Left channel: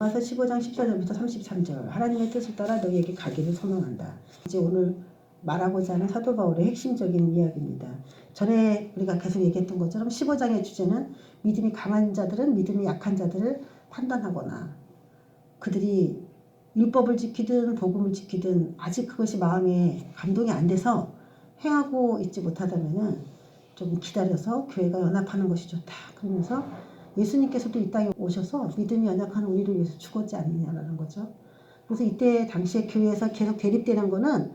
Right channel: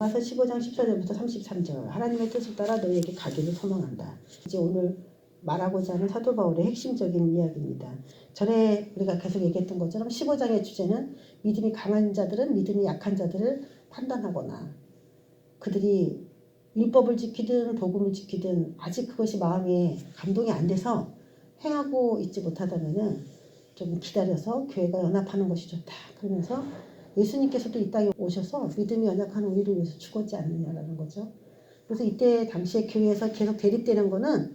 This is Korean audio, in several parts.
로마서 15장 14절부터 33절 하나님의 뜻을 따라 너희에게 가기를 소망한다. 이제 오늘 말하고자 하는 사도 바울의 핵심적인 이야기입니다. 전에 우리가 계속 얘기했던 것처럼 15장의 주제는 믿음이 강한 자들은 믿음이 약한 자들을 판단하거나 그들이 율법을 지키든 복음을 지키든 아직 그것이 마음에 감동이 안 돼서 행하고 있지 못하다면 좀 기다려서 교회가 연합하는 것이 좋다. 그러면서 예수님께서도 이 땅에 오셔서 믿음이 연약한 우리를 위해서 죽었지 않느냐라는 거죠. 그래서 이때 당시에 교회에서 계속 대립되는 거는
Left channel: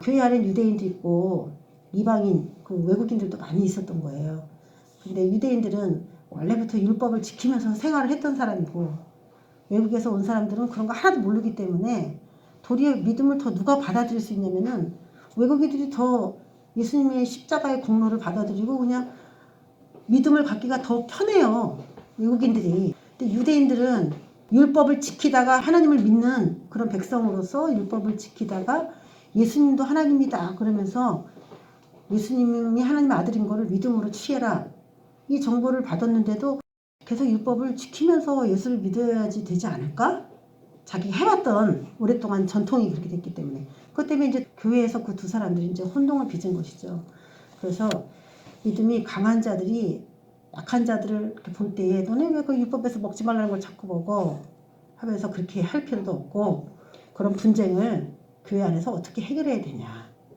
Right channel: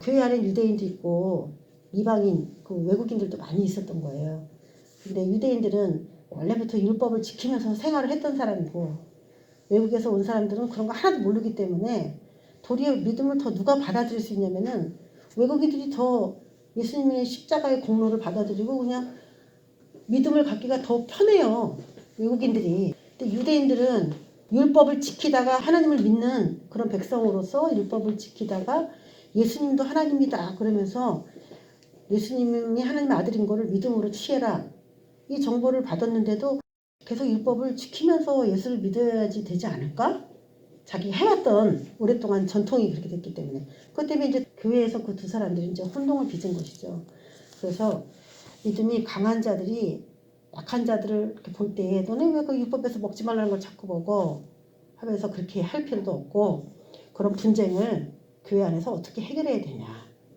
교회 안에 유대인도 있고 이방인, 그 외국인들도 많이 있었던 거예요. 근데 유대인들은 원래부터 율법을 지키면서 생활을 했던 사람이고 외국에서 온 사람들은 그런 거 하나도 모르기 때문에 도리어 믿음을 더 누가 받아들일 수 있냐면은 외국인들이 더 예수님의 십자가의 공로를 받아들이고 그냥 믿음을 갖기가 더 편해요. 외국인들이. 근데 유대인들은 율법을 지키다가 하나님을 믿는 그런 백성으로서 율법을 지키다가 예수님도 하나님이다 그러면서 예수님이 하나님의 아들인 거를 믿음으로 취해라. 이 정보를 받았는데도 계속 율법을 지키면서 예수를 믿어야지 되지 않을까? 자기 해왔던 오랫동안 전통이 그렇게 됐기 때문에. 그것 때문에 이제 교회에서 그 두 사람들이 이제 혼동을 빚은 것이죠. 그래서 믿음이 강한 자들이 약한 자들을 이렇게 볼 때에 너네 왜 그 율법에서 먹지 말라는 걸 자꾸 먹어? 하면서 그렇게 할 필요도 없고 그런 분쟁을 교회 안에서 어떻게 해결해야 되냐.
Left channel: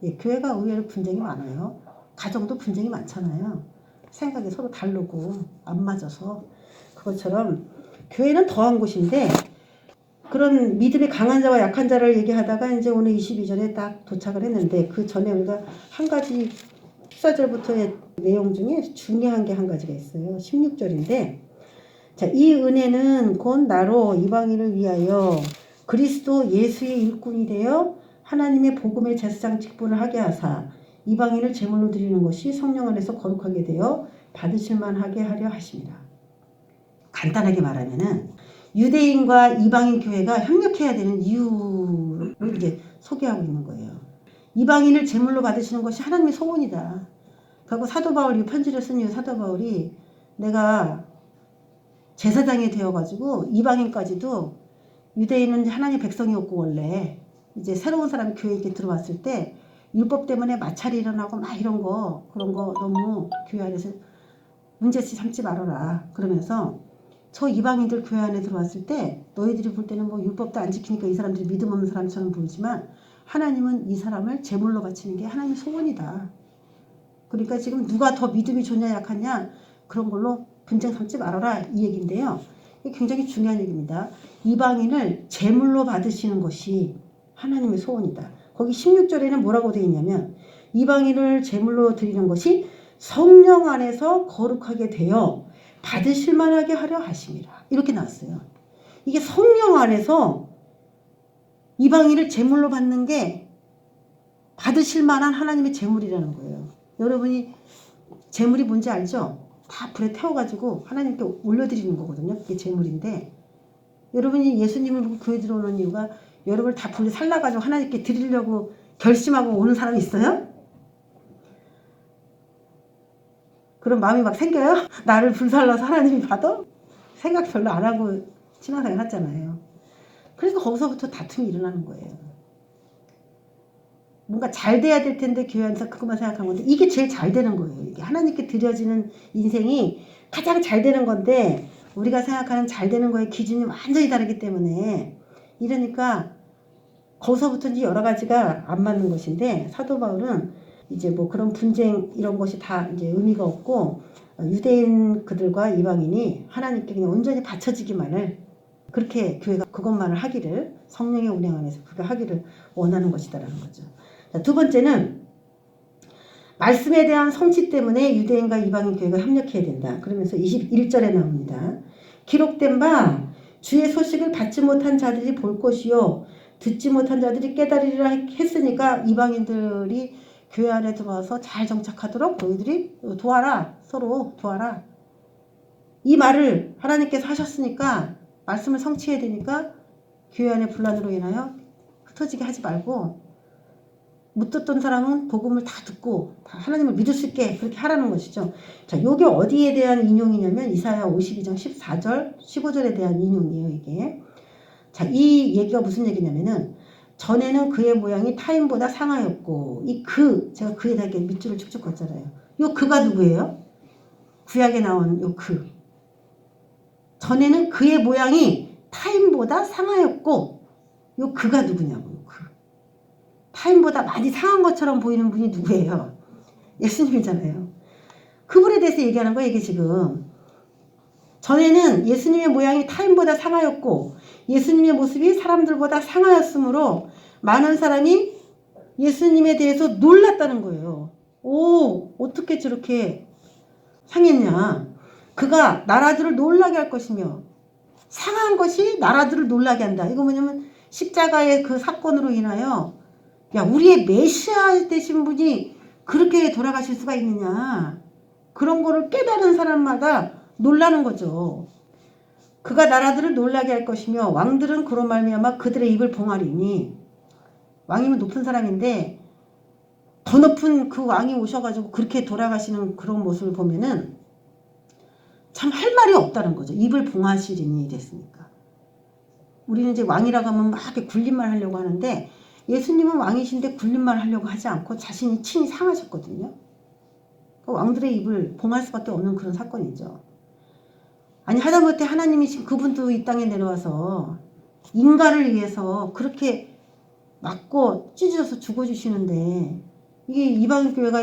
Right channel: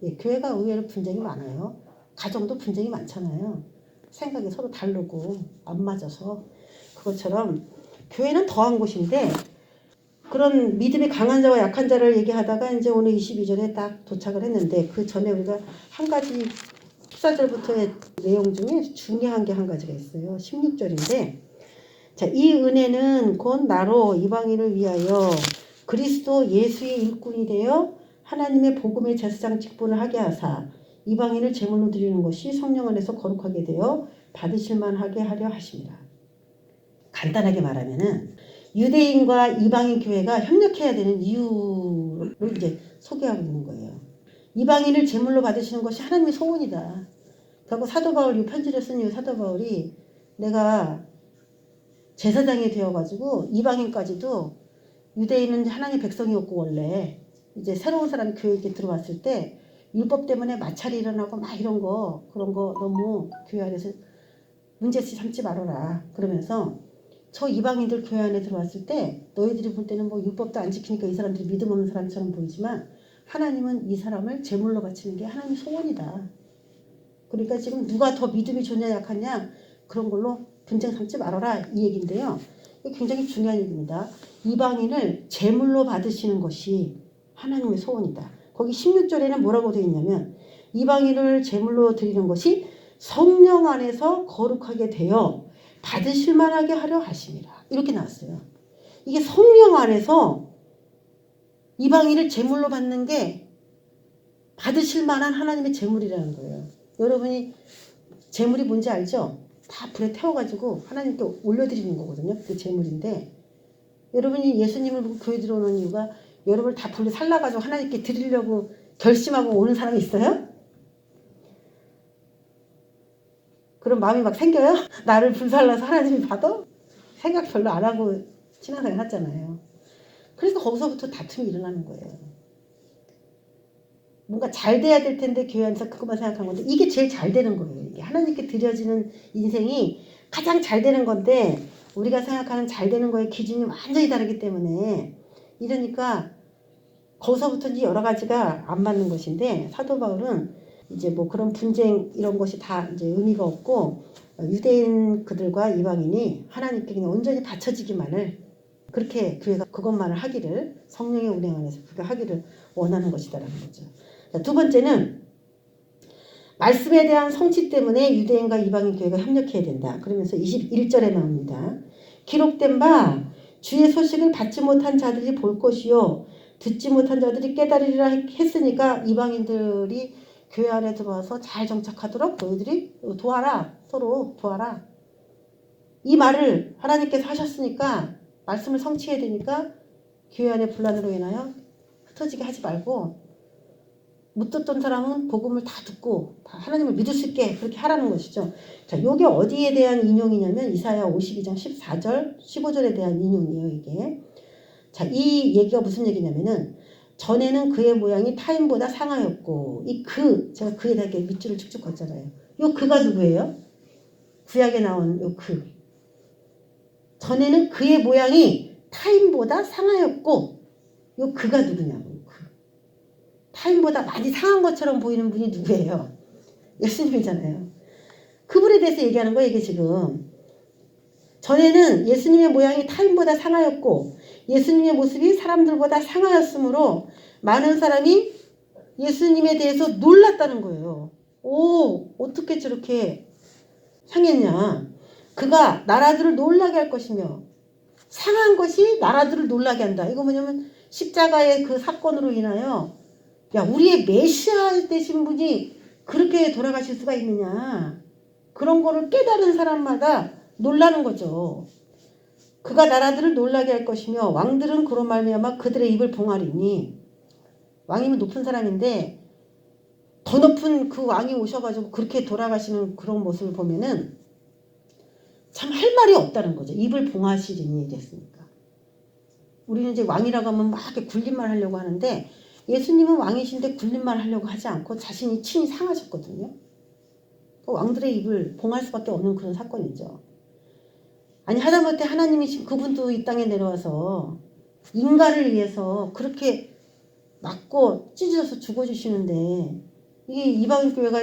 예, 교회가 의외로 분쟁이 많아요. 가정도 분쟁이 많잖아요. 생각이 서로 다르고 안 맞아서. 그것처럼 교회는 더한 곳인데 그런 믿음이 강한 자와 약한 자를 얘기하다가 이제 오늘 22절에 딱 도착을 했는데 그 전에 우리가 한 가지 14절부터의 내용 중에 중요한 게 한 가지가 있어요. 16절인데 자, 이 은혜는 곧 나로 이방인을 위하여 그리스도 예수의 일꾼이 되어 하나님의 복음의 제사장 직분을 하게 하사 이방인을 제물로 드리는 것이 성령 안에서 거룩하게 되어 받으실 만하게 하려 하십니다. 간단하게 말하면은 유대인과 이방인 교회가 협력해야 되는 이유를 이제 소개하고 있는 거예요. 이방인을 제물로 받으시는 것이 하나님의 소원이다. 그리고 사도 바울이 편지를 쓴 이유 사도 바울이 내가 제사장이 되어가지고 이방인까지도 유대인은 하나님 백성이었고 원래 이제 새로운 사람이 교회에 들어왔을 때 율법 때문에 마찰이 일어나고 막 이런 거 그런 거 너무 교회 안에서 문제시 삼지 말아라. 그러면서 저 이방인들 교회 안에 들어왔을 때 너희들이 볼 때는 뭐 율법도 안 지키니까 이 사람들이 믿음 없는 사람처럼 보이지만 하나님은 이 사람을 제물로 바치는 게 하나님의 소원이다. 그러니까 지금 누가 더 믿음이 좋냐 약하냐 그런 걸로 분쟁 삼지 말아라 이 얘기인데요. 이게 굉장히 중요한 얘기입니다. 이방인을 제물로 받으시는 것이 하나님의 소원이다. 거기 16절에는 뭐라고 되어 있냐면 이방인을 제물로 드리는 것이 성령 안에서 거룩하게 되어 받으실 만하게 하려 하십니다. 이렇게 나왔어요. 이게 성령 안에서 이방인을 제물로 받는 게 받으실 만한 하나님의 제물이라는 거예요. 여러분이 제물이 뭔지 알죠? 다 불에 태워가지고 하나님께 올려드리는 거거든요. 그게 제물인데 여러분이 예수님을 보고 교회 들어오는 이유가 여러분을 다 불에 살라가지고 하나님께 드리려고 결심하고 오는 사람이 있어요? 그런 마음이 막 생겨요? 나를 불살라서 하나님이 받아? 생각 별로 안 하고 신앙생활 하잖아요. 그래서 거기서부터 다툼이 일어나는 거예요. 뭔가 잘 돼야 될 텐데 교회 안에서 그것만 생각한 건데 이게 제일 잘 되는 거예요. 이게 하나님께 드려지는 인생이 가장 잘 되는 건데 우리가 생각하는 잘 되는 거의 기준이 완전히 다르기 때문에 이러니까 거기서부터 이제 여러 가지가 안 맞는 것인데 사도 바울은 이제 뭐 그런 분쟁 이런 것이 다 이제 의미가 없고 유대인 그들과 이방인이 하나님께 그냥 온전히 바쳐지기만을 그렇게 교회가 그것만을 하기를 성령의 운행 안에서 그렇게 하기를 원하는 것이다라는 거죠. 자, 두 번째는 말씀에 대한 성취 때문에 유대인과 이방인 교회가 협력해야 된다. 그러면서 21절에 나옵니다. 기록된 바 주의 소식을 받지 못한 자들이 볼 것이요 듣지 못한 자들이 깨달으리라 했으니까 이방인들이 교회 안에 들어와서 잘 정착하도록 너희들이 도와라. 서로 도와라. 이 말을 하나님께서 하셨으니까 말씀을 성취해야 되니까 교회 안에 분란으로 인하여 흩어지게 하지 말고 못 듣던 사람은 복음을 다 듣고 다 하나님을 믿을 수 있게 그렇게 하라는 것이죠. 자, 요게 어디에 대한 인용이냐면 이사야 52장 14절, 15절에 대한 인용이에요, 이게. 자, 이 얘기가 무슨 얘기냐면은 전에는 그의 모양이 타인보다 상하였고 이 제가 그에다 이렇게 밑줄을 쭉쭉 걷잖아요. 요 그가 누구예요? 구약에 나온 요 그. 전에는 그의 모양이 타인보다 상하였고 요 그가 누구냐고. 그. 타인보다 많이 상한 것처럼 보이는 분이 누구예요? 예수님이잖아요. 그분에 대해서 얘기하는 거예요. 이게 지금. 전에는 예수님의 모양이 타인보다 상하였고 예수님의 모습이 사람들보다 상하였으므로 많은 사람이 예수님에 대해서 놀랐다는 거예요. 오, 어떻게 저렇게 상했냐. 그가 나라들을 놀라게 할 것이며 상한 것이 나라들을 놀라게 한다. 이거 뭐냐면 십자가의 그 사건으로 인하여 야, 우리의 메시아 되신 분이 그렇게 돌아가실 수가 있느냐. 그런 거를 깨달은 사람마다 놀라는 거죠. 그가 나라들을 놀라게 할 것이며 왕들은 그로 말미암아 그들의 입을 봉하리니. 왕이면 높은 사람인데 더 높은 그 왕이 오셔가지고 그렇게 돌아가시는 그런 모습을 보면은 참 할 말이 없다는 거죠. 입을 봉하시리니 됐으니까. 우리는 이제 왕이라고 하면 막 이렇게 굴림말 하려고 하는데 예수님은 왕이신데 굴림말 하려고 하지 않고 자신이 친히 상하셨거든요. 왕들의 입을 봉할 수밖에 없는 그런 사건이죠. 아니 하다못해 하나님이신 그분도 이 땅에 내려와서 인간을 위해서 그렇게 맞고 찢어져서 죽어주시는데 이게 이방 교회가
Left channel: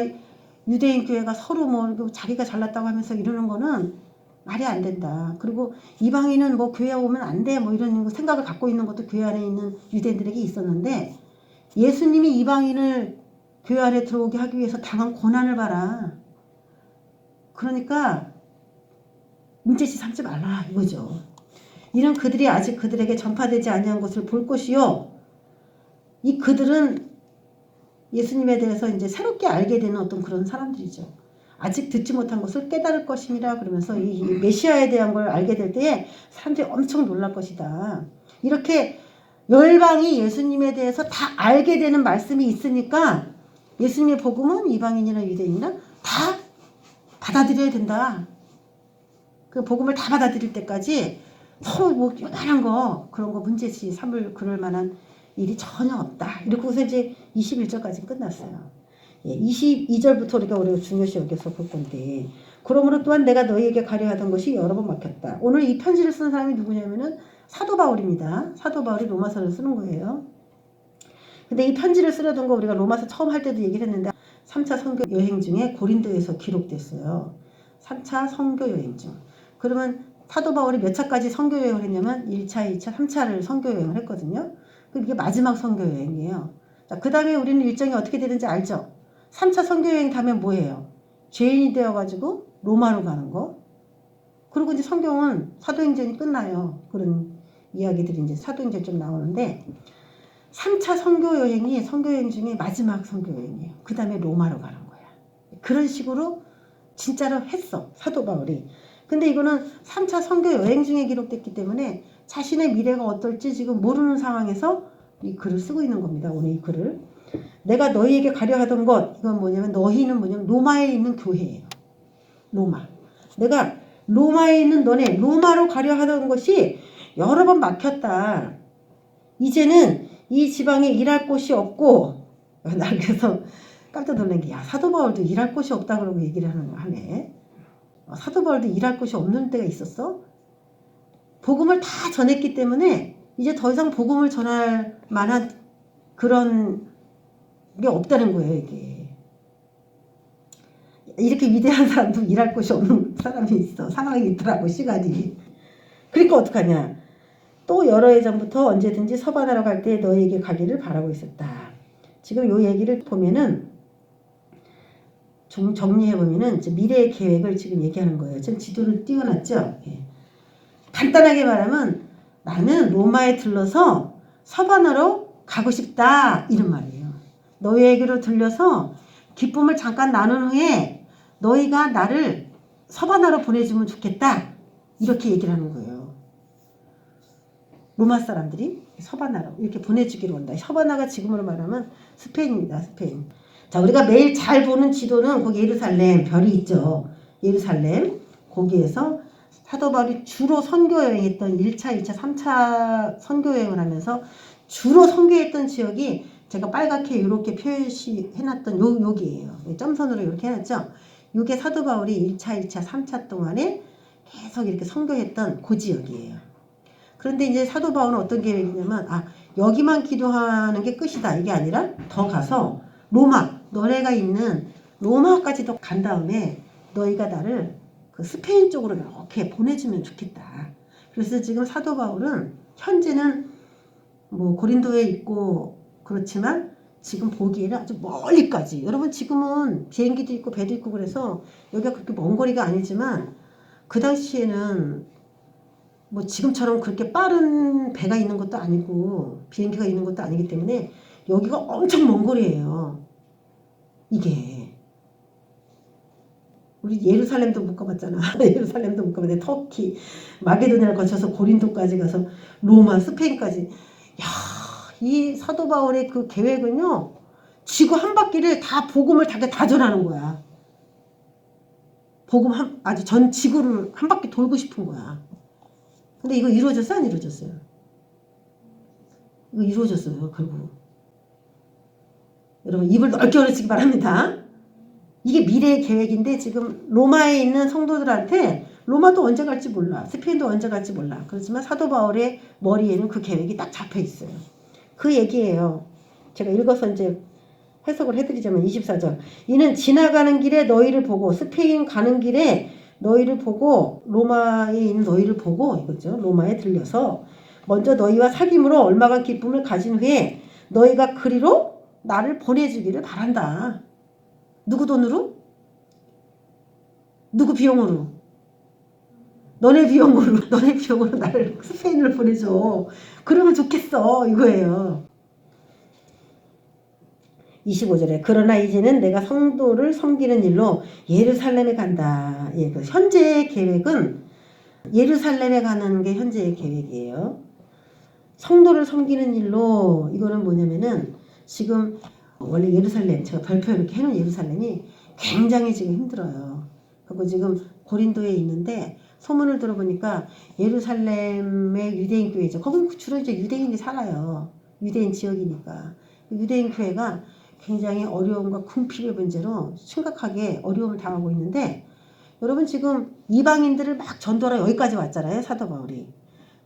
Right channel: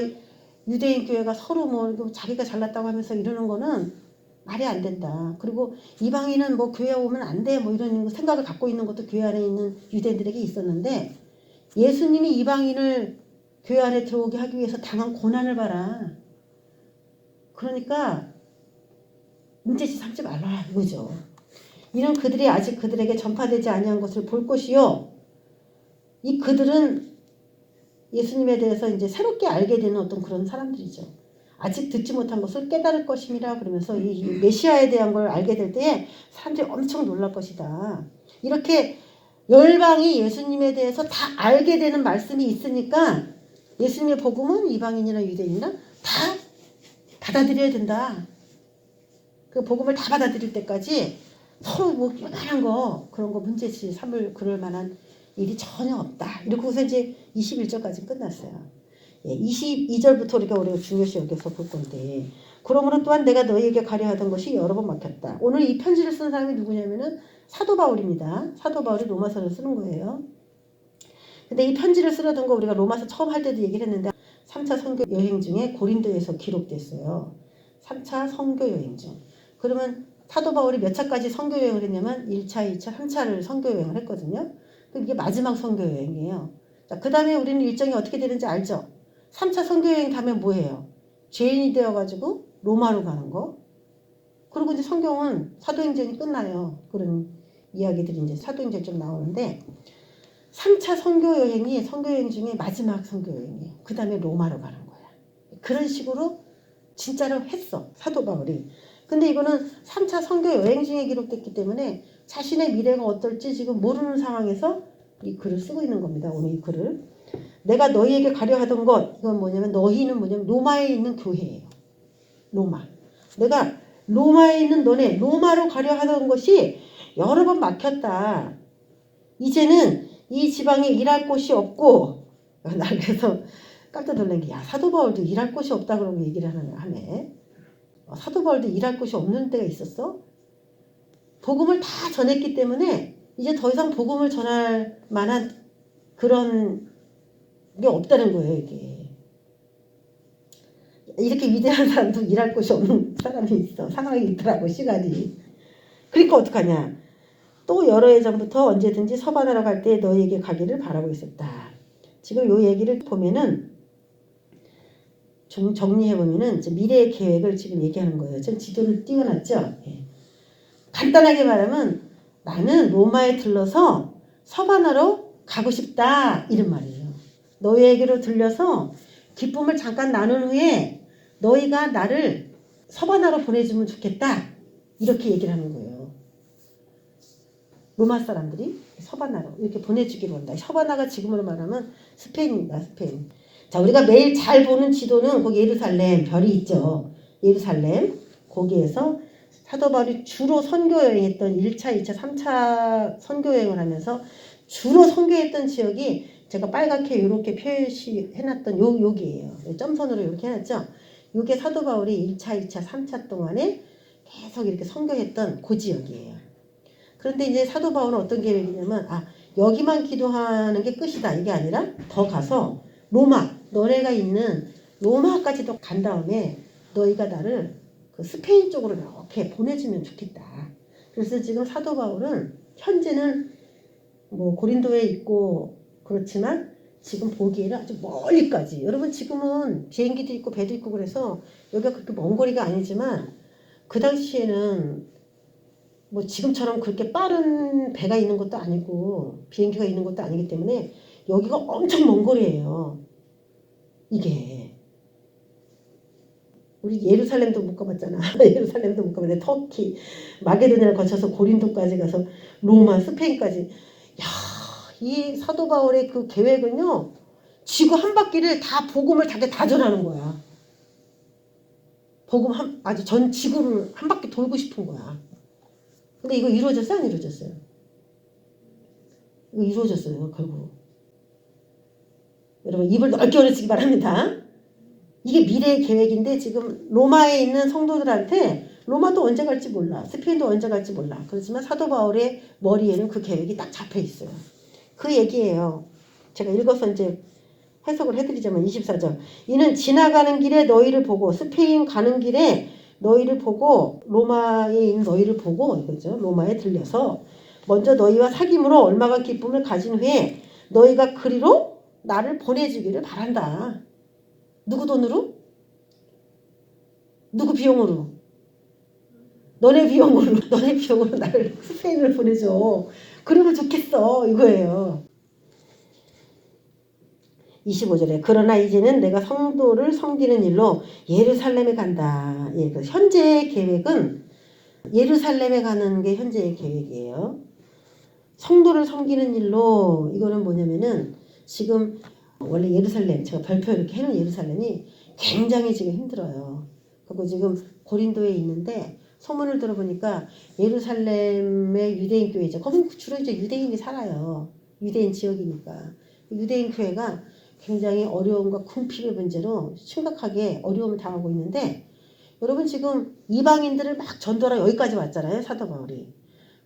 유대인 교회가 서로 뭐 자기가 잘났다고 하면서 이러는 거는 말이 안 된다. 그리고 이방인은 뭐 교회 오면 안 돼 뭐 이런 생각을 갖고 있는 것도 교회 안에 있는 유대인들에게 있었는데 예수님이 이방인을 교회 안에 들어오게 하기 위해서 당한 고난을 봐라. 그러니까 문제시 삼지 말라 이거죠. 이는 그들이 아직 그들에게 전파되지 아니한 것을 볼 것이요. 이 그들은 예수님에 대해서 이제 새롭게 알게 되는 어떤 그런 사람들이죠. 아직 듣지 못한 것을 깨달을 것임이라 그러면서 이 메시아에 대한 걸 알게 될 때에 사람들이 엄청 놀랄 것이다. 이렇게 열방이 예수님에 대해서 다 알게 되는 말씀이 있으니까 예수님의 복음은 이방인이나 유대인이나 다 받아들여야 된다. 그 복음을 다 받아들일 때까지 서로 뭐 요만한 거 그런 거 문제지 삼을 그럴 만한 일이 전혀 없다. 이러고서 이제 21절까지 끝났어요. 예, 22절부터 우리가 중요시 여기서 볼 건데 그러므로 또한 내가 너희에게 가려 하던 것이 여러 번 막혔다. 오늘 이 편지를 쓴 사람이 누구냐면은 사도 바울입니다. 사도 바울이 로마서를 쓰는 거예요. 근데 이 편지를 쓰려던 거 우리가 로마서 처음 할 때도 얘기를 했는데 3차 선교 여행 중에 고린도에서 기록됐어요. 3차 선교 여행 중. 그러면 사도 바울이 몇 차까지 선교 여행을 했냐면 1차, 2차, 3차를 선교 여행을 했거든요. 이게 마지막 선교 여행이에요. 그 다음에 우리는 일정이 어떻게 되는지 알죠? 3차 선교 여행 가면 뭐예요? 죄인이 되어가지고 로마로 가는 거. 그리고 이제 성경은 사도행전이 끝나요. 그런 이야기들이 이제 사도행전 좀 나오는데 3차 선교 여행이 선교 여행 중에 마지막 선교 여행이에요. 그 다음에 로마로 가는 거야. 그런 식으로 진짜로 했어. 사도 바울이. 근데 이거는 3차 선교 여행 중에 기록됐기 때문에 자신의 미래가 어떨지 지금 모르는 상황에서 이 글을 쓰고 있는 겁니다. 오늘 이 글을. 내가 너희에게 가려 하던 것, 이건 뭐냐면 너희는 뭐냐면 로마에 있는 교회예요. 로마. 내가 로마에 있는 너네, 로마로 가려 하던 것이 여러 번 막혔다. 이제는 이 지방에 일할 곳이 없고, 나 그래서 깜짝 놀란 게, 야, 사도 바울도 일할 곳이 없다 그러고 얘기를 하네. 사도 바울도 일할 곳이 없는 때가 있었어? 복음을 다 전했기 때문에 이제 더 이상 복음을 전할 만한 그런 게 없다는 거예요, 이게. 이렇게 위대한 사람도 일할 곳이 없는 사람이 있어. 상황이 있더라고, 시간이. 그러니까 어떡하냐. 또 여러 해 전부터 언제든지 서반하러 갈 때 너희에게 가기를 바라고 있었다. 지금 요 얘기를 보면은 좀 정리해보면은 미래의 계획을 지금 얘기하는 거예요. 지금 지도를 띄워놨죠? 예. 간단하게 말하면 나는 로마에 들러서 서반하러 가고 싶다. 이런 말이에요. 너희에게로 들려서 기쁨을 잠깐 나눈 후에 너희가 나를 서반하러 보내주면 좋겠다. 이렇게 얘기를 하는 거예요. 로마 사람들이 서바나로 이렇게 보내주기로 한다. 서바나가 지금으로 말하면 스페인입니다. 스페인. 자, 우리가 매일 잘 보는 지도는 거기 예루살렘 별이 있죠. 예루살렘 거기에서 사도 바울이 주로 선교 여행했던 1차, 2차, 3차 선교 여행을 하면서 주로 선교했던 지역이 제가 빨갛게 이렇게 표시해놨던 여기예요. 점선으로 이렇게 해놨죠. 이게 사도 바울이 1차, 2차, 3차 동안에 계속 이렇게 선교했던 그 지역이에요. 그런데 이제 사도 바울은 어떤 계획이냐면 여기만 기도하는 게 끝이다 이게 아니라 더 가서 로마 너네가 있는 로마까지도 간 다음에 너희가 나를 그 스페인 쪽으로 이렇게 보내주면 좋겠다. 그래서 지금 사도 바울은 현재는 뭐 고린도에 있고 그렇지만 지금 보기에는 아주 멀리까지 여러분 지금은 비행기도 있고 배도 있고 그래서 여기가 그렇게 먼 거리가 아니지만 그 당시에는 뭐 지금처럼 그렇게 빠른 배가 있는 것도 아니고 비행기가 있는 것도 아니기 때문에 여기가 엄청 먼 거리예요. 이게 우리 예루살렘도 못 가봤잖아. 예루살렘도 못 가봤는데 터키, 마게도냐를 거쳐서 고린도까지 가서 로마, 스페인까지. 야, 이 사도 바울의 그 계획은요. 지구 한 바퀴를 다 복음을 다 전하는 거야. 복음 아주 전 지구를 한 바퀴 돌고 싶은 거야. 근데 이거 이루어졌어? 안 이루어졌어요? 이거 이루어졌어요. 결국. 여러분 입을 넓게 열으시기 바랍니다. 이게 미래의 계획인데 지금 로마에 있는 성도들한테 로마도 언제 갈지 몰라. 스페인도 언제 갈지 몰라. 그렇지만 사도 바울의 머리에는 그 계획이 딱 잡혀 있어요. 그 얘기예요. 제가 읽어서 이제 해석을 해드리자면 24절. 이는 지나가는 길에 너희를 보고 스페인 가는 길에 너희를 보고 로마에 있는 너희를 보고 이거죠. 로마에 들려서 먼저 너희와 사귐으로 얼마간 기쁨을 가진 후에 너희가 그리로 나를 보내주기를 바란다. 누구 돈으로? 누구 비용으로? 너네 비용으로 너네 비용으로 나를 스페인으로 보내줘. 그러면 좋겠어 이거예요. 25절에 그러나 이제는 내가 성도를 섬기는 일로 예루살렘에 간다. 예, 그 현재의 계획은 예루살렘에 가는 게 현재의 계획이에요. 성도를 섬기는 일로 이거는 뭐냐면은 지금 원래 예루살렘 제가 별표 이렇게 해놓은 예루살렘이 굉장히 지금 힘들어요. 그리고 지금 고린도에 있는데 소문을 들어보니까 예루살렘의 유대인 교회죠. 거기 주로 이제 유대인이 살아요. 유대인 지역이니까 유대인 교회가 굉장히 어려움과 궁핍의 문제로 심각하게 어려움을 당하고 있는데 여러분 지금 이방인들을 막 전도하러 여기까지 왔잖아요. 사도 바울이.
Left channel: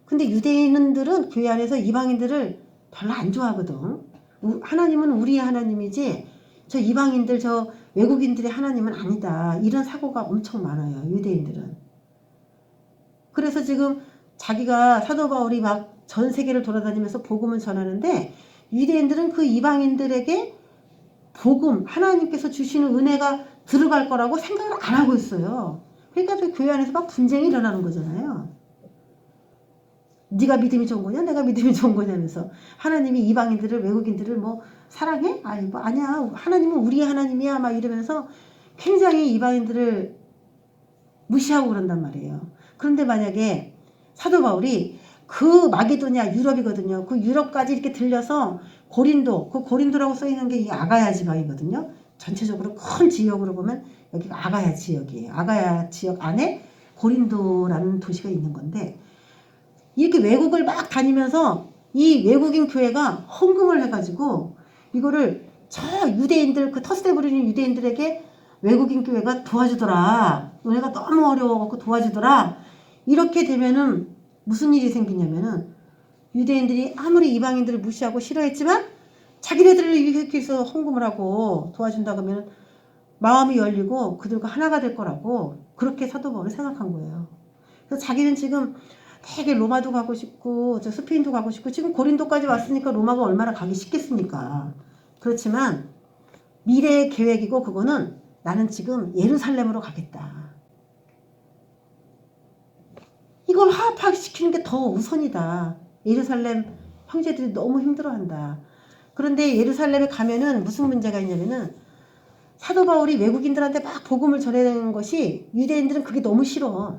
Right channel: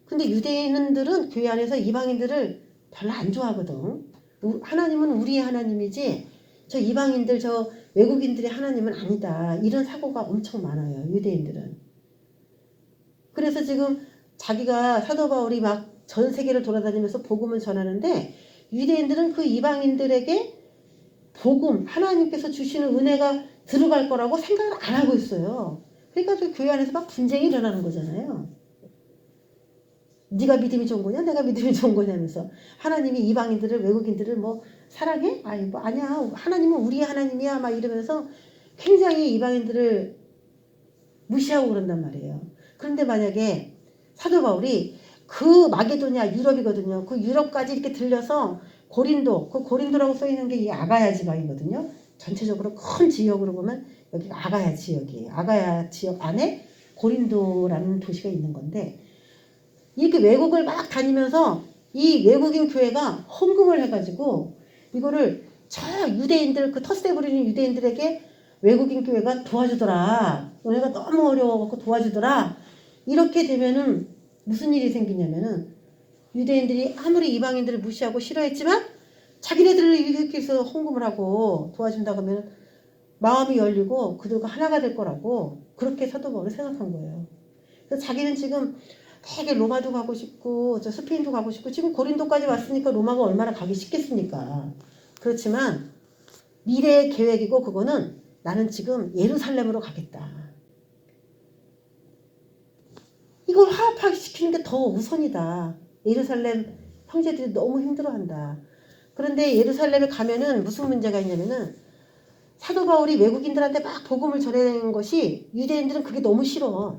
근데 유대인들은 교회 안에서 이방인들을 별로 안 좋아하거든. 하나님은 우리의 하나님이지 저 이방인들 저 외국인들의 하나님은 아니다. 이런 사고가 엄청 많아요. 유대인들은. 그래서 지금 자기가 사도 바울이 막 전 세계를 돌아다니면서 복음을 전하는데 유대인들은 그 이방인들에게 복음 하나님께서 주시는 은혜가 들어갈 거라고 생각을 안 하고 있어요. 그러니까 그 교회 안에서 막 분쟁이 일어나는 거잖아요. 네가 믿음이 좋은 거냐 내가 믿음이 좋은 거냐면서 하나님이 이방인들을 외국인들을 뭐 사랑해? 아니 뭐 아니야 하나님은 우리 하나님이야 막 이러면서 굉장히 이방인들을 무시하고 그런단 말이에요. 그런데 만약에 사도 바울이 그 마게도냐 유럽이거든요. 그 유럽까지 이렇게 들려서 고린도 그 고린도라고 써있는 게 이 아가야 지방이거든요. 전체적으로 큰 지역으로 보면 여기가 아가야 지역이에요. 아가야 지역 안에 고린도라는 도시가 있는 건데 이렇게 외국을 막 다니면서 이 외국인 교회가 헌금을 해가지고 이거를 저 유대인들 그 터세 부리는 유대인들에게 외국인 교회가 도와주더라. 너네가 너무 어려워갖고 도와주더라. 이렇게 되면은 무슨 일이 생기냐면은 유대인들이 아무리 이방인들을 무시하고 싫어했지만 자기네들을 이렇게 해서 헌금을 하고 도와준다고 하면 마음이 열리고 그들과 하나가 될 거라고 그렇게 사도 바울이 생각한 거예요. 그래서 자기는 지금 되게 로마도 가고 싶고 저 스페인도 가고 싶고 지금 고린도까지 왔으니까 로마가 얼마나 가기 쉽겠습니까? 그렇지만 미래의 계획이고 그거는 나는 지금 예루살렘으로 가겠다. 이걸 화합시키는 게 더 우선이다. 예루살렘 형제들이 너무 힘들어한다. 그런데 예루살렘에 가면은 무슨 문제가 있냐면은 사도 바울이 외국인들한테 막 복음을 전해내는 것이 유대인들은 그게 너무 싫어.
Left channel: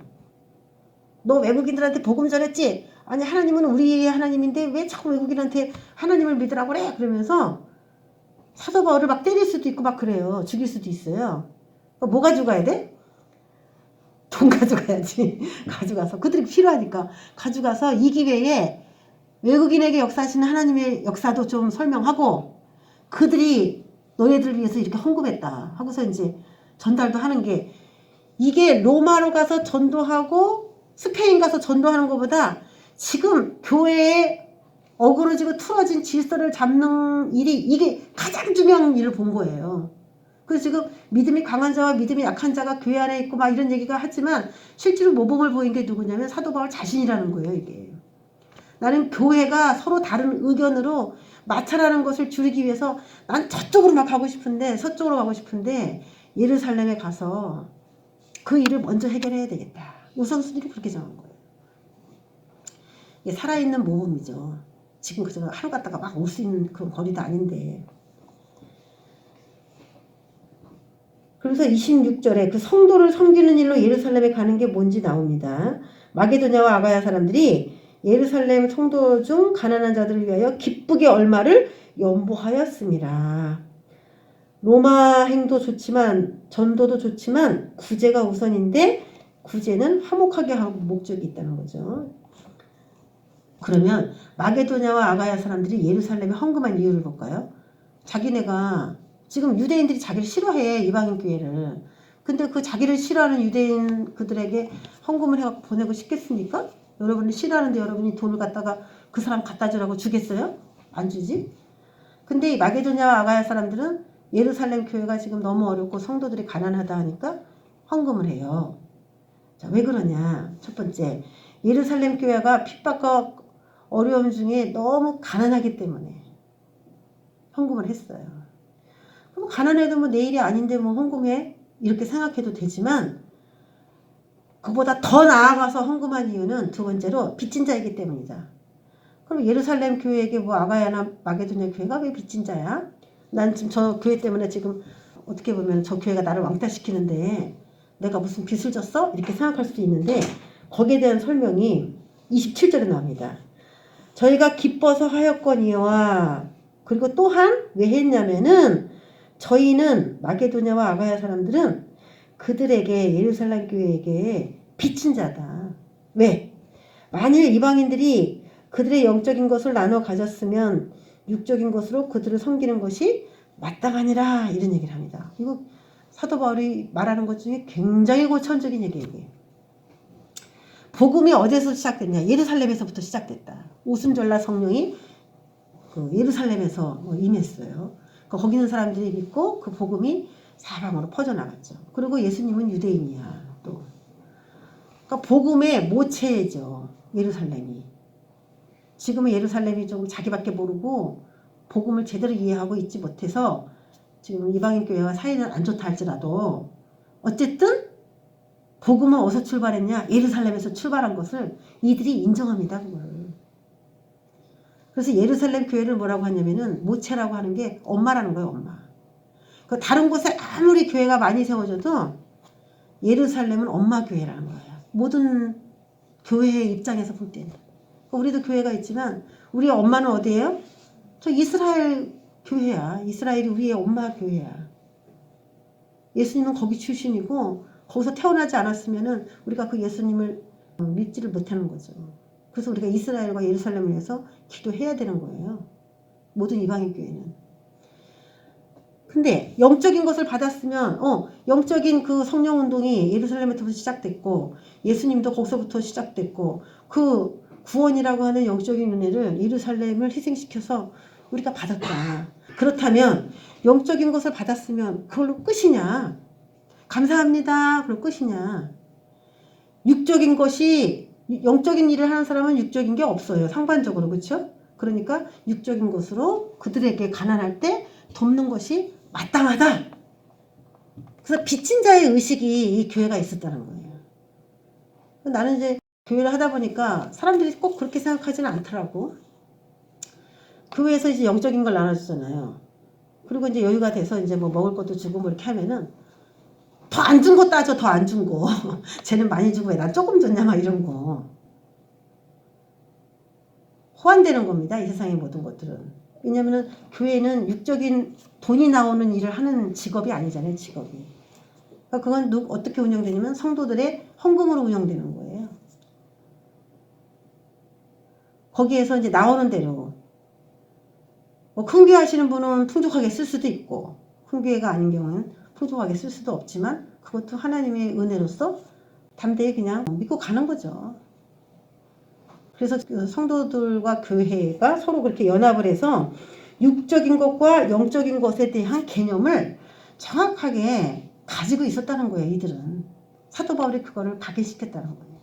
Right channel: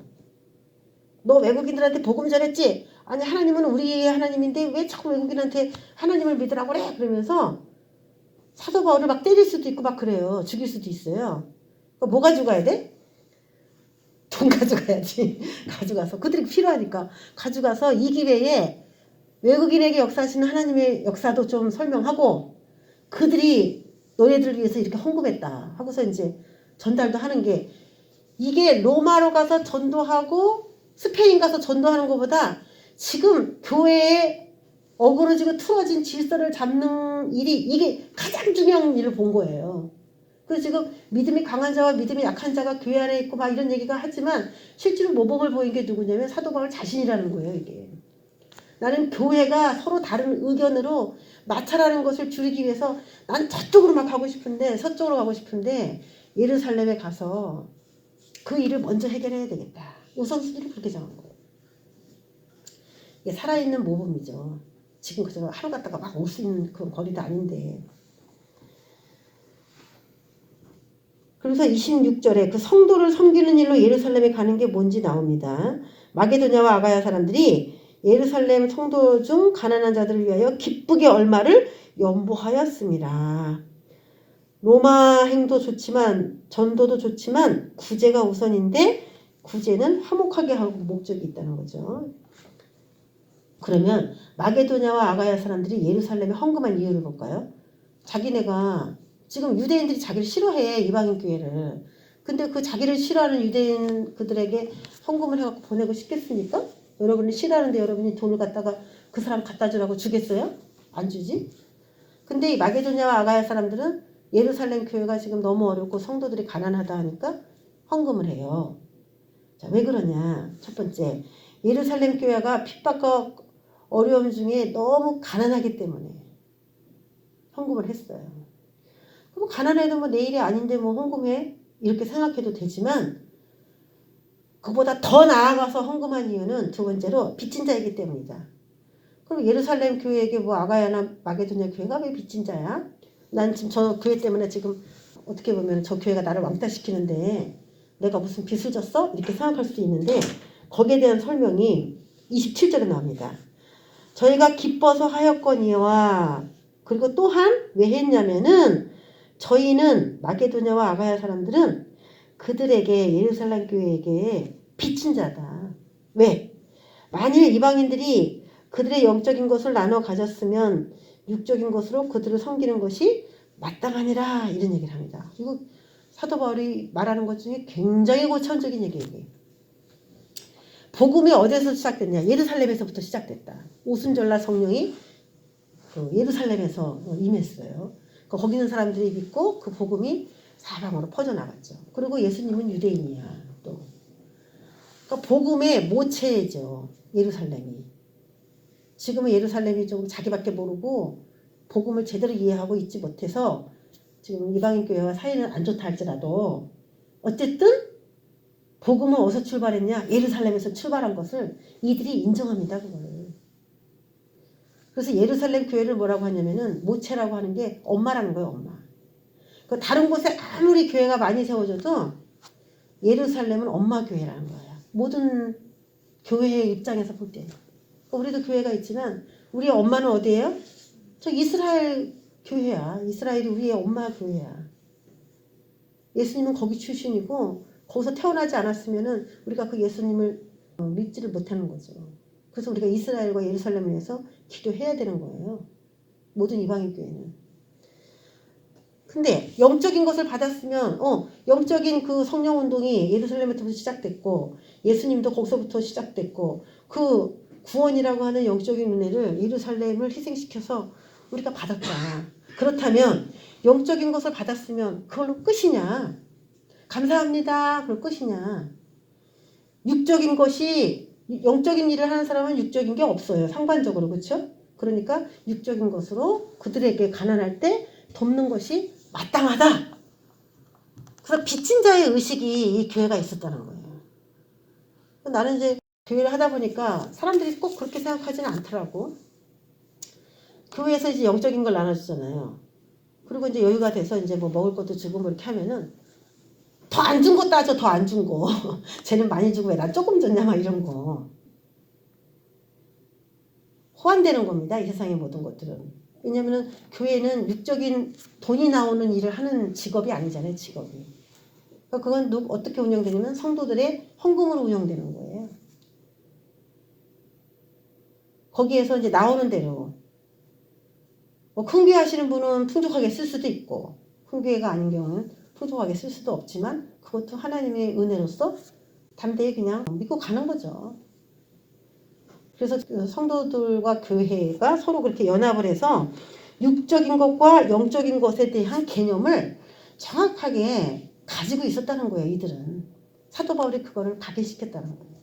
너 외국인들한테 복음 전했지? 아니 하나님은 우리의 하나님인데 왜 자꾸 외국인한테 하나님을 믿으라고 그래? 그러면서 사도 바울을 막 때릴 수도 있고 막 그래요. 죽일 수도 있어요. 그러니까 뭐가 죽어야 돼? 돈 가져가야지. 가져가서 그들이 필요하니까 가져가서 이 기회에 외국인에게 역사하시는 하나님의 역사도 좀 설명하고 그들이 너희들을 위해서 이렇게 헌금했다 하고서 이제 전달도 하는 게 이게 로마로 가서 전도하고 스페인 가서 전도하는 것보다 지금 교회에 어그러지고 틀어진 질서를 잡는 일이 이게 가장 중요한 일을 본 거예요. 그래서 지금 믿음이 강한 자와 믿음이 약한 자가 교회 안에 있고 막 이런 얘기가 하지만 실제로 모범을 보인 게 누구냐면 사도 바울 자신이라는 거예요. 이게 나는 교회가 서로 다른 의견으로 마찰하는 것을 줄이기 위해서 난 저쪽으로 막 가고 싶은데 서쪽으로 가고 싶은데 예루살렘에 가서 그 일을 먼저 해결해야 되겠다. 우선순위를 그렇게 정한 거예요. 이게 살아있는 모범이죠. 지금 그저 하루 갔다가 막 올 수 있는 그런 거리도 아닌데. 그래서 26절에 그 성도를 섬기는 일로 예루살렘에 가는 게 뭔지 나옵니다. 마게도냐와 아가야 사람들이 예루살렘 성도 중 가난한 자들을 위하여 기쁘게 얼마를 연보하였습니다. 로마 행도 좋지만 전도도 좋지만 구제가 우선인데 구제는 화목하게 하고 목적이 있다는 거죠. 그러면 마게도냐와 아가야 사람들이 예루살렘에 헌금한 이유를 볼까요? 자기네가 지금 유대인들이 자기를 싫어해 이방인 교회를. 근데 그 자기를 싫어하는 유대인 그들에게 헌금을 해갖고 보내고 싶겠습니까? 여러분이 싫어하는데 여러분이 돈을 갖다가 그 사람 갖다 주라고 주겠어요? 안 주지? 근데 이 마게도냐와 아가야 사람들은 예루살렘 교회가 지금 너무 어렵고 성도들이 가난하다 하니까 헌금을 해요. 자, 왜 그러냐? 첫 번째, 예루살렘 교회가 핍박과 어려움 중에 너무 가난하기 때문에 헌금을 했어요. 그럼 가난해도 뭐 내일이 아닌데 뭐 헌금해? 이렇게 생각해도 되지만 그보다 더 나아가서 헌금한 이유는 두 번째로 빚진 자이기 때문이다. 그럼 예루살렘 교회에게 뭐 아가야나 마게도냐 교회가 왜 빚진 자야? 난 지금 저 교회 때문에 지금 어떻게 보면 저 교회가 나를 왕따시키는데 내가 무슨 빚을 졌어? 이렇게 생각할 수도 있는데 거기에 대한 설명이 27절에 나옵니다. 저희가 기뻐서 하였거니와 그리고 또한 왜 했냐면은 저희는 마게도냐와 아가야 사람들은 그들에게 예루살렘 교회에게 빚진 자다. 왜? 만일 이방인들이 그들의 영적인 것을 나눠 가졌으면 육적인 것으로 그들을 섬기는 것이 마땅하니라 이런 얘기를 합니다. 이거 사도 바울이 말하는 것 중에 굉장히 고차원적인 얘기예요. 복음이 어디서 시작됐냐? 예루살렘에서부터 시작됐다. 오순절날 성령이 예루살렘에서 임했어요. 거기 있는 사람들이 믿고 그 복음이 사방으로 퍼져나갔죠. 그리고 예수님은 유대인이야. 또 그러니까 복음의 모체죠. 예루살렘이. 지금은 예루살렘이 좀 자기밖에 모르고 복음을 제대로 이해하고 있지 못해서 지금 이방인 교회와 사이는 안 좋다 할지라도 어쨌든 복음은 어디서 출발했냐? 예루살렘에서 출발한 것을 이들이 인정합니다. 그걸. 그래서 예루살렘 교회를 뭐라고 하냐면은 모체라고 하는 게 엄마라는 거예요. 엄마. 그 다른 곳에 아무리 교회가 많이 세워져도 예루살렘은 엄마 교회라는 거예요. 모든 교회의 입장에서 볼 때는. 우리도 교회가 있지만 우리의 엄마는 어디예요? 저 이스라엘 교회야. 이스라엘이 우리의 엄마 교회야. 예수님은 거기 출신이고 거기서 태어나지 않았으면은 우리가 그 예수님을 믿지를 못하는 거죠. 그래서 우리가 이스라엘과 예루살렘을 위해서 기도해야 되는 거예요. 모든 이방인 교회는. 근데 영적인 것을 받았으면 영적인 그 성령 운동이 예루살렘부터 시작됐고 예수님도 거기서부터 시작됐고 그 구원이라고 하는 영적인 은혜를 예루살렘을 희생시켜서 우리가 받았다. 그렇다면 영적인 것을 받았으면 그걸로 끝이냐? 감사합니다. 그걸로 끝이냐? 육적인 것이 영적인 일을 하는 사람은 육적인 게 없어요. 상관적으로. 그렇죠? 그러니까 육적인 것으로 그들에게 가난할 때 돕는 것이 마땅하다. 그래서 빚진 자의 의식이 이 교회가 있었다는 거예요. 나는 이제 교회를 하다 보니까 사람들이 꼭 그렇게 생각하지는 않더라고. 교회에서 이제 영적인 걸 나눠주잖아요. 그리고 이제 여유가 돼서 이제 뭐 먹을 것도 주고 뭐 이렇게 하면은 더 안 준 거 따져. 더 안 준 거. 쟤는 많이 주고 왜 난 조금 줬냐 막 이런 거. 호환되는 겁니다. 이 세상의 모든 것들은. 왜냐면은 교회는 육적인 돈이 나오는 일을 하는 직업이 아니잖아요. 직업이. 그러니까 그건 어떻게 운영되냐면 성도들의 헌금으로 운영되는 거예요. 거기에서 이제 나오는 대로 뭐 큰 교회 하시는 분은 풍족하게 쓸 수도 있고 큰 교회가 아닌 경우는 풍족하게 쓸 수도 없지만 그것도 하나님의 은혜로서 담대히 그냥 믿고 가는 거죠. 그래서 그 성도들과 교회가 서로 그렇게 연합을 해서 육적인 것과 영적인 것에 대한 개념을 정확하게 가지고 있었다는 거예요. 이들은 사도 바울이 그거를 각인시켰다는 거예요.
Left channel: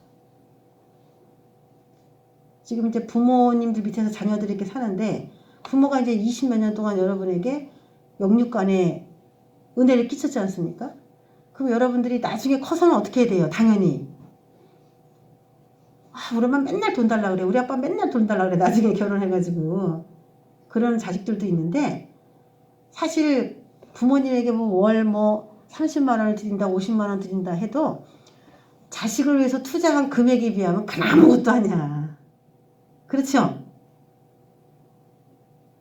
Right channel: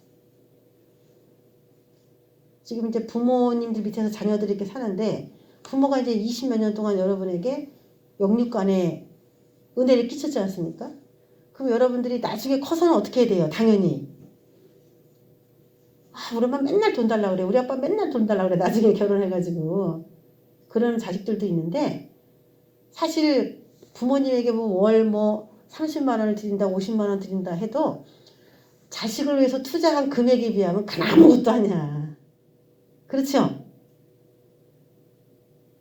지금 이제 부모님들 밑에서 자녀들이 이렇게 사는데 부모가 이제 20몇 년 동안 여러분에게 영육간에 은혜를 끼쳤지 않습니까? 그럼 여러분들이 나중에 커서는 어떻게 해야 돼요? 당연히 우리 엄마 맨날 돈 달라 그래. 우리 아빠 맨날 돈 달라 그래. 나중에 결혼해가지고 그런 자식들도 있는데 사실 부모님에게 뭐 월 30만 원을 드린다 50만 원 드린다 해도 자식을 위해서 투자한 금액에 비하면 그건 아무것도 아니야. 그렇죠?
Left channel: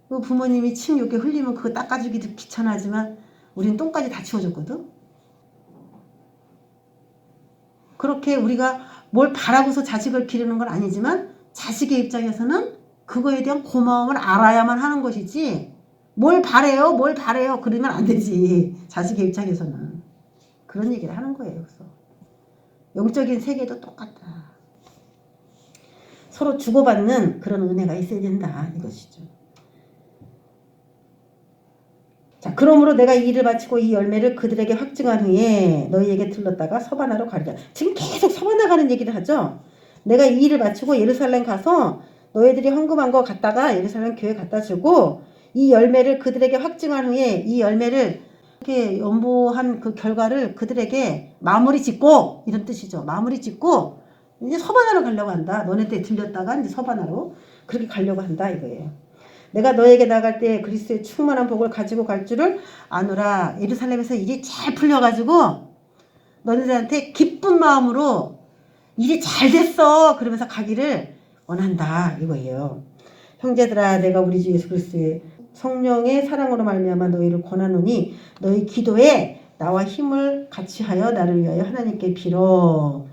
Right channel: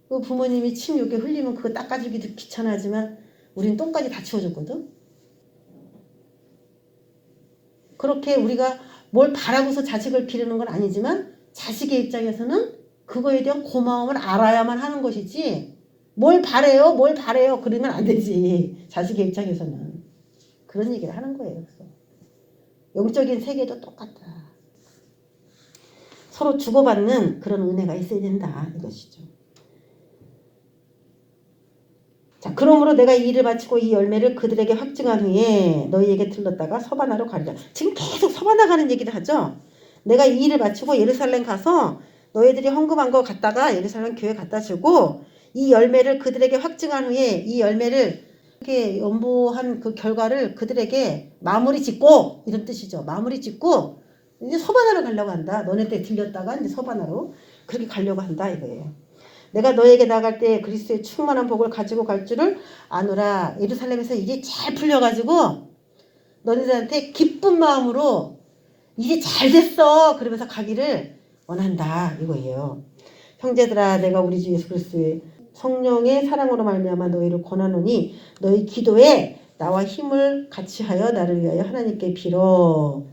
그 부모님이 침 이렇게 흘리면 그거 닦아주기도 귀찮아지만 우린 똥까지 다 치워줬거든. 그렇게 우리가 뭘 바라고서 자식을 기르는 건 아니지만 자식의 입장에서는 그거에 대한 고마움을 알아야만 하는 것이지 뭘 바래요 그러면 안 되지. 자식의 입장에서는 그런 얘기를 하는 거예요. 그래서 영적인 세계도 똑같다. 서로 주고받는 그런 은혜가 있어야 된다 이것이죠. 자, 그러므로 내가 이 일을 마치고 이 열매를 그들에게 확증한 후에 너희에게 들렀다가 서바나로 가리라. 지금 계속 서바나 가는 얘기를 하죠. 내가 이 일을 마치고 예루살렘 가서 너희들이 헌금한 거 갖다가 예루살렘 교회 갖다 주고 이 열매를 그들에게 확증한 후에 이 열매를 이렇게 연보한 그 결과를 그들에게 마무리 짓고 이런 뜻이죠. 마무리 짓고 이제 서바나로 가려고 한다. 너네들 들렸다가 이제 서바나로 그렇게 가려고 한다 이거예요. 내가 너에게 나갈 때 그리스도의 충만한 복을 가지고 갈 줄을 아노라. 예루살렘에서 일이 잘 풀려가지고 너네들한테 기쁜 마음으로 일이 잘 됐어 그러면서 가기를 원한다 이거예요. 형제들아 내가 우리 주 예수 그리스도의 성령의 사랑으로 말미암아 너희를 권하노니 너희 기도에 나와 힘을 같이 하여 나를 위하여 하나님께 빌어.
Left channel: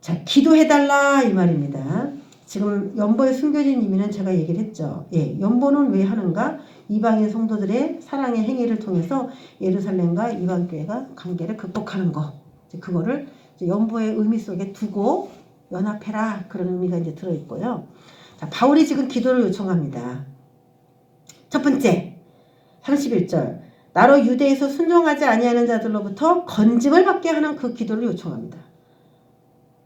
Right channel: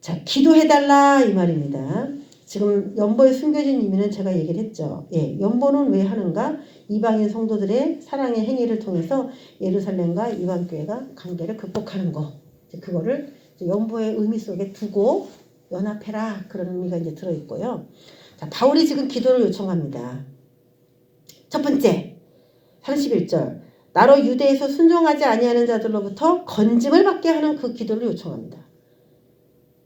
자, 기도해달라 이 말입니다. 지금 연보의 숨겨진 의미는 제가 얘기를 했죠. 예, 연보는 왜 하는가? 이방인 성도들의 사랑의 행위를 통해서 예루살렘과 이방교회가 관계를 극복하는 거. 그거를 연보의 의미 속에 두고 연합해라 그런 의미가 이제 들어있고요. 자, 바울이 지금 기도를 요청합니다. 첫 번째 31절 나로 유대에서 순종하지 아니하는 자들로부터 건짐을 받게 하는 그 기도를 요청합니다.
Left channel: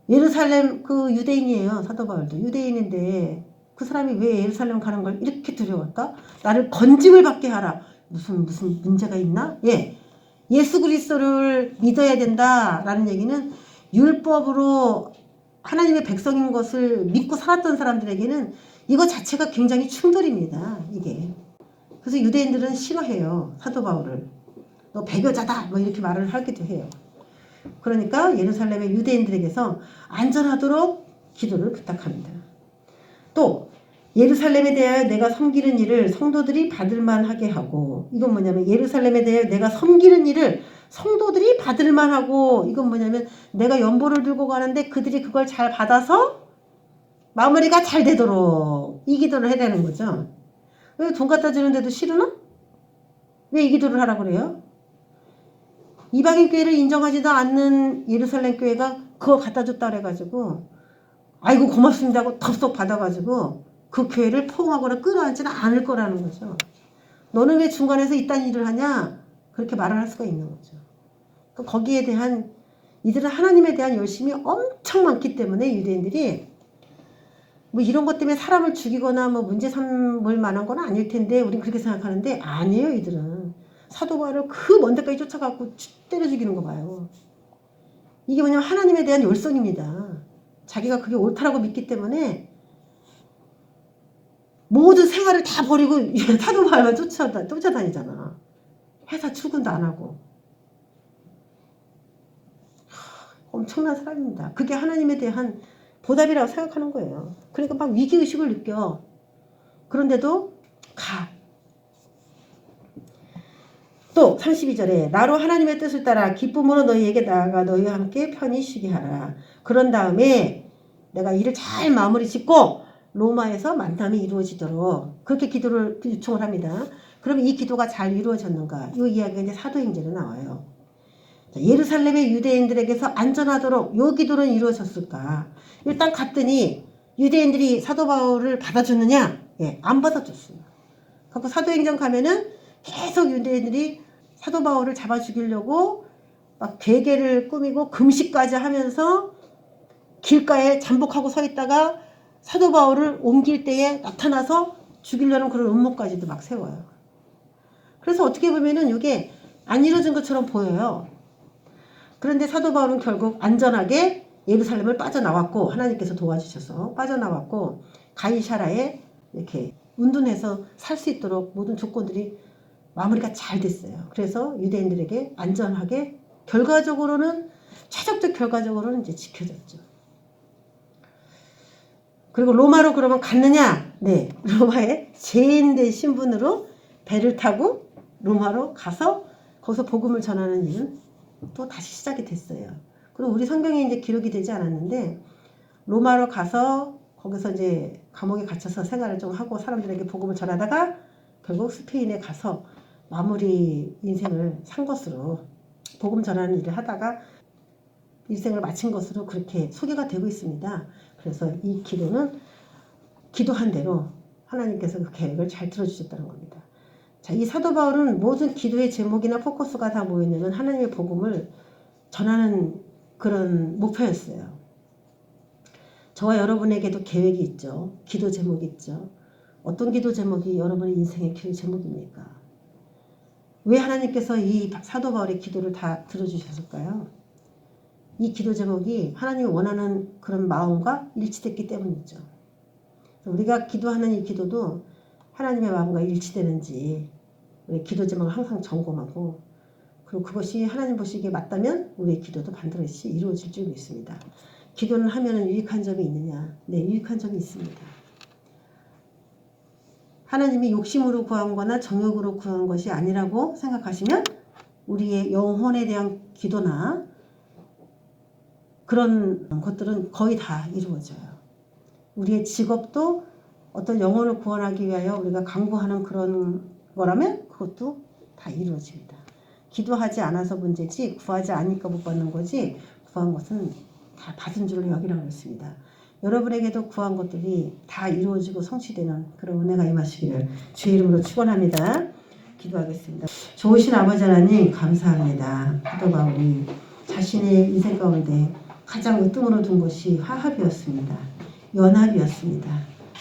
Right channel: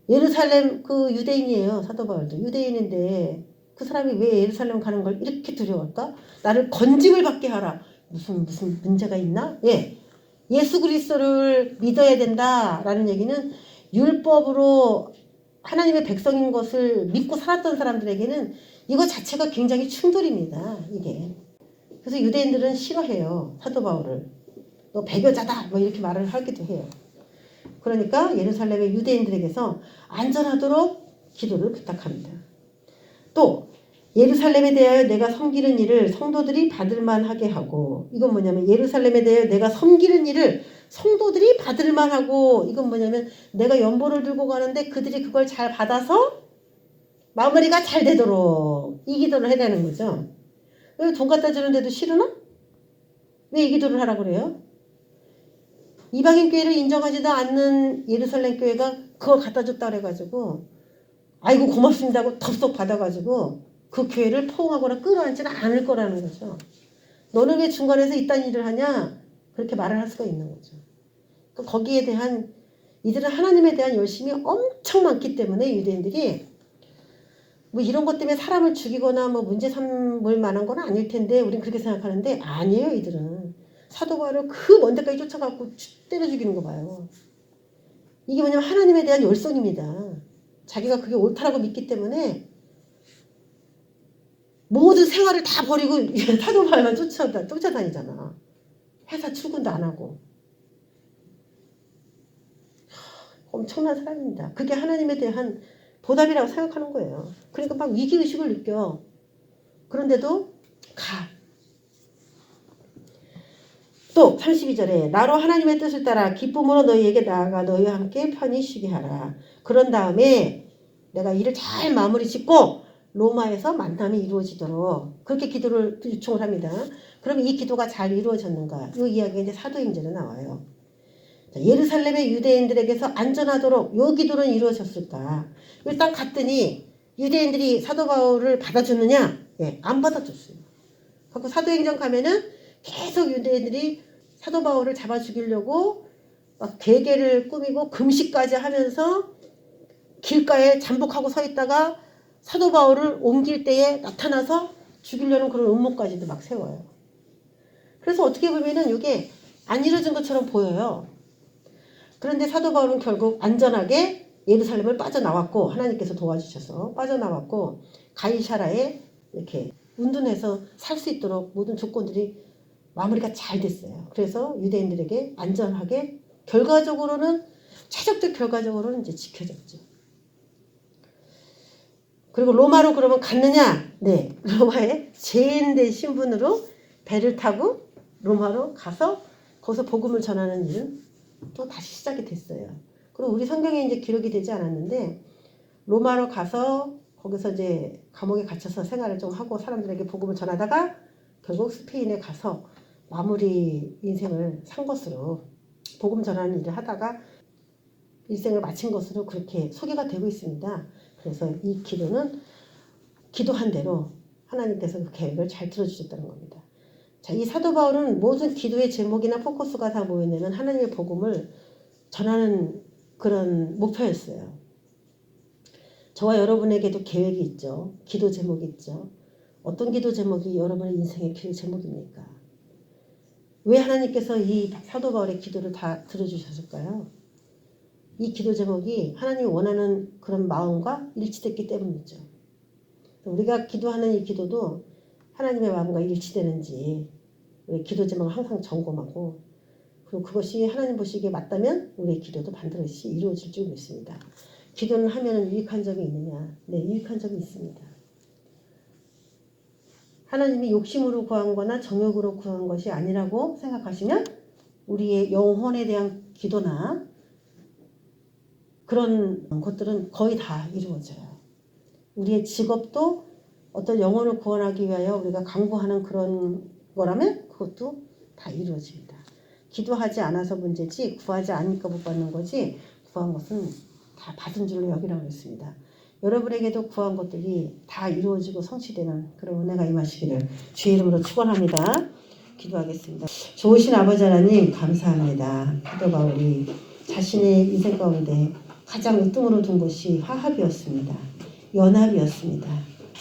예루살렘 그 유대인이에요. 사도 바울도 유대인인데 그 사람이 왜 예루살렘 가는 걸 이렇게 두려워할까? 나를 건짐을 받게 하라. 무슨 문제가 있나? 예, 예수 그리스도를 믿어야 된다라는 얘기는 율법으로 하나님의 백성인 것을 믿고 살았던 사람들에게는 이거 자체가 굉장히 충돌입니다. 이게. 그래서 유대인들은 싫어해요. 사도 바울을. 너 배교자다 뭐 이렇게 말을 하기도 해요. 그러니까 예루살렘의 유대인들에게서 안전하도록 기도를 부탁합니다. 또 예루살렘에 대하여 내가 섬기는 일을 성도들이 받을만하게 하고 이건 뭐냐면 예루살렘에 대하여 내가 섬기는 일을 성도들이 받을만하고 이건 뭐냐면 내가 연보를 들고 가는데 그들이 그걸 잘 받아서 마무리가 잘 되도록 이 기도를 해야 되는 거죠. 왜 돈 갖다 주는데도 싫으나? 왜 이 기도를 하라고 그래요? 이방인 교회를 인정하지도 않는 예루살렘 교회가 그걸 갖다 줬다 그래가지고 아이고 고맙습니다 하고 덥석 받아가지고 그 교회를 포옹하거나 끌어안지는 않을 거라는 거죠. 너는 왜 중간에서 이딴 일을 하냐? 그렇게 말을 할 수가 있는 거죠. 그러니까 거기에 대한 이들은 하나님에 대한 열심이 엄청 많기 때문에 유대인들이 뭐 이런 것 때문에 사람을 죽이거나 뭐 문제 삼을 만한 건 아닐 텐데 우린 그렇게 생각하는데 아니에요. 이들은 사도 바울을 그 먼 데까지 쫓아가고 때려 죽이는 거 봐요. 이게 뭐냐면 하나님에 대한 열성입니다. 자기가 그게 옳다라고 믿기 때문에 모든 생활을 다 버리고 사도 바울만 쫓아다니잖아. 회사 출근도 안 하고. 엄청난 사람입니다. 그게 하나님에 대한 보답이라고 생각하는 거예요. 그러니까 막 위기의식을 느껴. 그런데도 가. 또 32절에 나로 하나님의 뜻을 따라 기쁨으로 너희에게 나아가 너희와 함께 편히 쉬게 하라. 그런 다음에 내가 일을 잘 마무리 짓고 로마에서 만남이 이루어지도록 그렇게 기도를 요청을 합니다. 그럼 이 기도가 잘 이루어졌는가? 이 이야기가 이제 사도행전에 나와요. 자, 예루살렘의 유대인들에게서 안전하도록 이 기도는 이루어졌을까? 일단 갔더니 유대인들이 사도 바울을 받아줬느냐? 예, 안 받아줬어요. 그래서 사도행전 가면은 계속 유대인들이 사도 바울을 잡아 죽이려고 막 베개를 꾸미고 금식까지 하면서 길가에 잠복하고 서 있다가 사도 바울을 옮길 때에 나타나서 죽이려는 그런 음모까지도 막 세워요. 그래서 어떻게 보면은 이게 안 이루어진 것처럼 보여요. 그런데 사도 바울은 결국 안전하게 예루살렘을 빠져나왔고 하나님께서 도와주셔서 빠져나왔고 가이사라에 이렇게 운둔해서 살 수 있도록 모든 조건들이 마무리가 잘 됐어요. 그래서 유대인들에게 안전하게 결과적으로는 최종적 결과적으로는 이제 지켜졌죠. 그리고 로마로 그러면 갔느냐? 네, 로마의 제인된 신분으로 배를 타고 로마로 가서 거기서 복음을 전하는 일은 또 다시 시작이 됐어요. 그리고 우리 성경에 이제 기록이 되지 않았는데 로마로 가서 거기서 이제 감옥에 갇혀서 생활을 좀 하고 사람들에게 복음을 전하다가 결국 스페인에 가서 마무리 인생을 산 것으로 복음 전하는 일을 하다가 일생을 마친 것으로 그렇게 소개가 되고 있습니다. 그래서 이 기도는 기도한 대로 하나님께서 그 계획을 잘 들어주셨다는 겁니다. 자, 이 사도 바울은 모든 기도의 제목이나 포커스가 다 뭐였냐면 하나님의 복음을 전하는 그런 목표였어요. 저와 여러분에게도 계획이 있죠. 기도 제목이 있죠. 어떤 기도 제목이 여러분의 인생의 기도 제목입니까? 왜 하나님께서 이 사도 바울의 기도를 다 들어주셨을까요? 이 기도 제목이 하나님이 원하는 그런 마음과 일치됐기 때문이죠. 우리가 기도하는 이 기도도 하나님의 마음과 일치되는지 우리 기도 제목을 항상 점검하고 그리고 그것이 하나님 보시기에 맞다면 우리의 기도도 반드시 이루어질 줄 믿습니다. 기도는 하면 유익한 점이 있느냐? 네, 유익한 점이 있습니다. 하나님이 욕심으로 구한 거나 정욕으로 구한 것이 아니라고 생각하시면 우리의 영혼에 대한 기도나 그런 것들은 거의 다 이루어져요. 우리의 직업도 어떤 영혼을 구원하기 위하여 우리가 강구하는 그런 거라면 그것도 다 이루어집니다. 기도하지 않아서 문제지 구하지 않으니까 못 받는 거지 구한 것은 다 받은 줄로 여기라고 했습니다. 여러분에게도 구한 것들이 다 이루어지고 성취되는 그런 은혜가 임하시기를 주의 이름으로 축원합니다. 기도하겠습니다. 좋으신 아버지 하나님 감사합니다. 사도 바울이 자신의 인생 가운데 가장 으뜸으로 둔 것이 화합이었습니다. 연합이었습니다.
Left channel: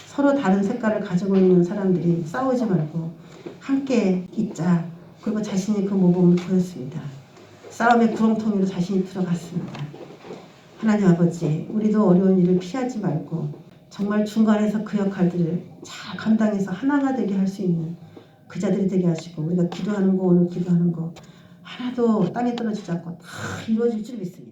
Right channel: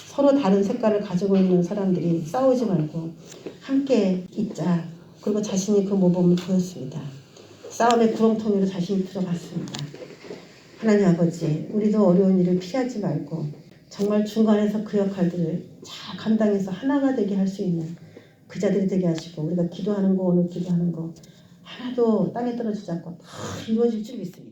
서로 다른 색깔을 가지고 있는 사람들이 싸우지 말고 함께 있자. 그리고 자신이 그 모범을 보였습니다. 싸움의 구렁텅이로 자신이 들어갔습니다. 하나님 아버지, 우리도 어려운 일을 피하지 말고 정말 중간에서 그 역할들을 잘 감당해서 하나가 되게 할 수 있는 그 자들이 되게 하시고 우리가 기도하는 거 오늘 기도하는 거 하나도 땅에 떨어지지 않고 다 이루어질 줄 믿습니다.